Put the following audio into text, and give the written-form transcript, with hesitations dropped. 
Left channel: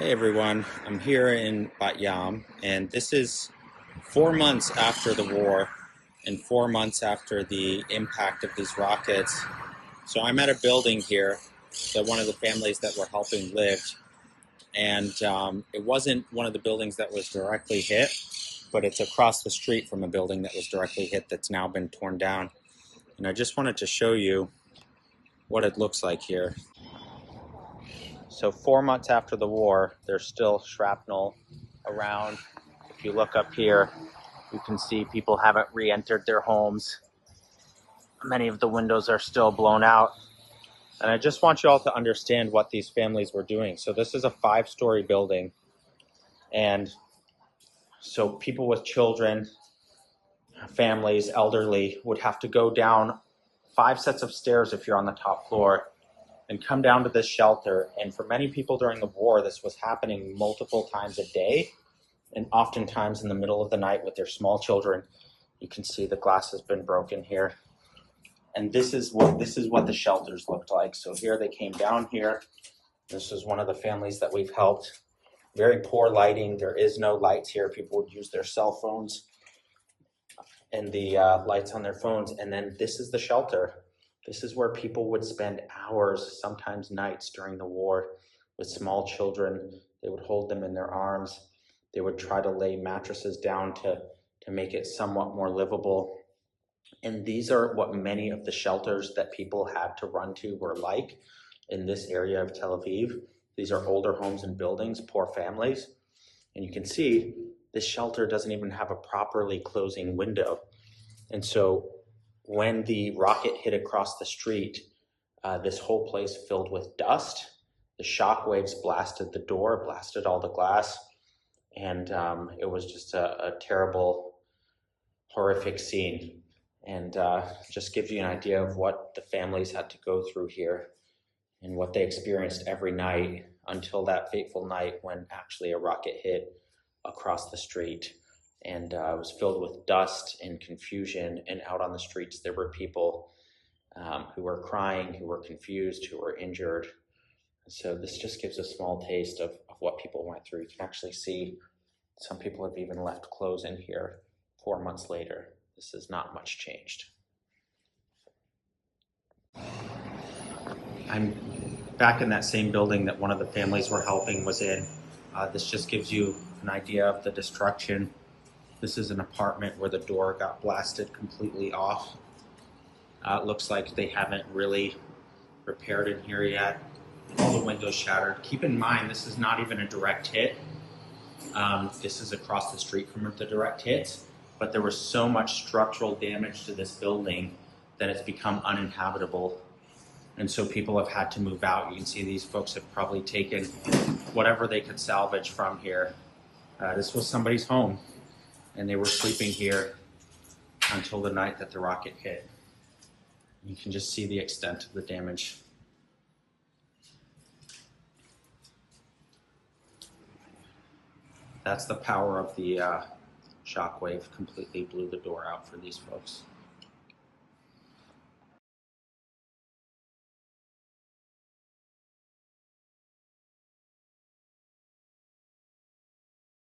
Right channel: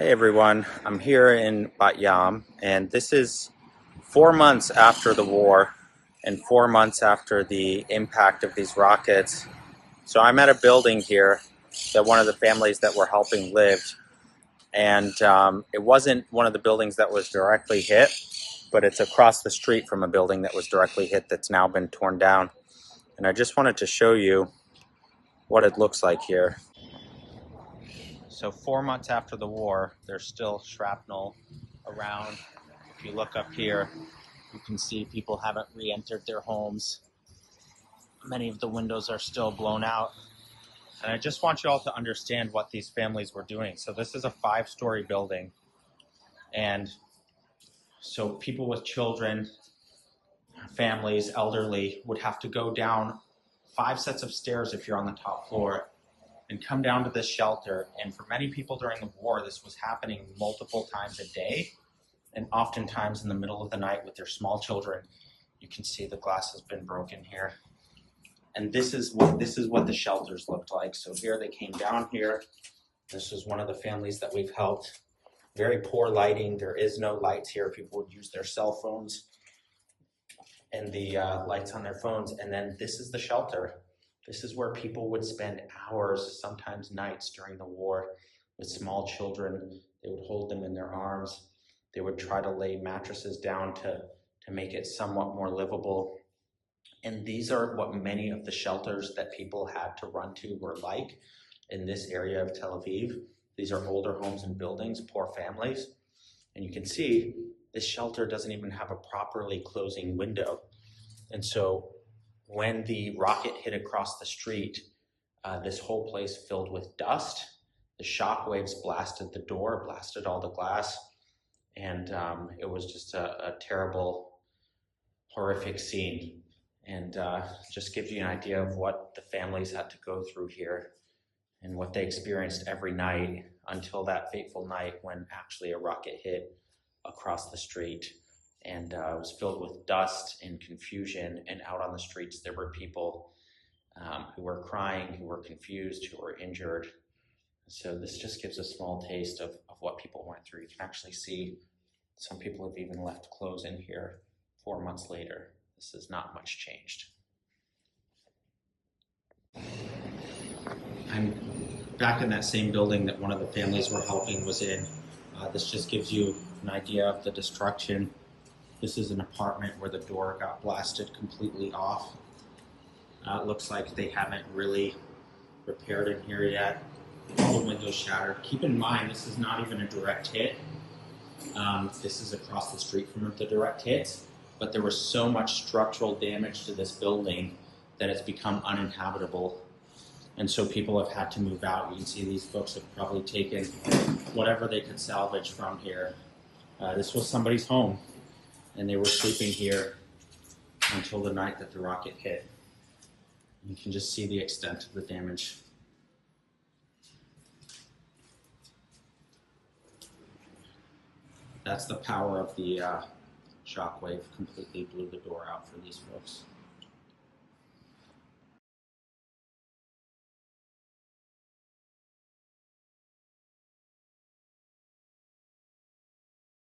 Hey everyone, I'm here in Bat Yam, and this is 4 months after the war and 4 months after the impact of these rockets. So I'm at a building here that one of the families that we're helping lived, and it wasn't one of the buildings that was directly hit, but it's across the street from a building that was directly hit that's now been torn down. And I just wanted to show you what it looks like here. So 4 months after the war, there's still shrapnel around. If you look up here, you can see people haven't re-entered their homes. Many of the windows are still blown out. And I just want you all to understand what these families were doing. So this is a 5-story building. And so people with children, families, elderly, would have to go down 5 sets of stairs if you're on the top floor and come down to this shelter. And for many people during the war, this was happening multiple times a day, and oftentimes in the middle of the night with their small children. You can see the glass has been broken here. And this is what the shelters looked like. So here they came down here. This is one of the families that we've helped. Very poor lighting. There is no lights here. People would use their cell phones and the lights on their phones. And then this is the shelter. This is where people would spend hours, sometimes nights during the war with small children. They would hold them in their arms. They would try to lay mattresses down to make it somewhat more livable. And these are what many of the shelters that people had to run to were like in this area of Tel Aviv. These are older homes and buildings, poor families. And you can see this shelter doesn't even have a properly closing window. And so when the rocket hit across the street, this whole place filled with dust. The shock waves blasted the door, blasted all the glass. And it was just a terrible, horrific scene. And just gives you an idea of what the families had to go through here and what they experienced every night until that fateful night when actually a rocket hit across the street. And it was filled with dust and confusion, and out on the streets there were people who were crying, who were confused, who were injured. So this just gives a small taste of what people went through. You can actually see some people have even left clothes in here 4 months later. This is not much changed. I'm back in that same building that one of the families we're helping was in. This just gives you an idea of the destruction. This is an apartment where the door got blasted completely off. It looks like they haven't really repaired in here yet. All the windows shattered. Keep in mind, this is not even a direct hit. This is across the street from the direct hit, but there was so much structural damage to this building that it's become uninhabitable. And so people have had to move out. You can see these folks have probably taken whatever they could salvage from here. This was somebody's home, and they were sleeping here until the night that the rocket hit. You can just see the extent of the damage. That's the power of the shockwave. Completely blew the door out for these folks.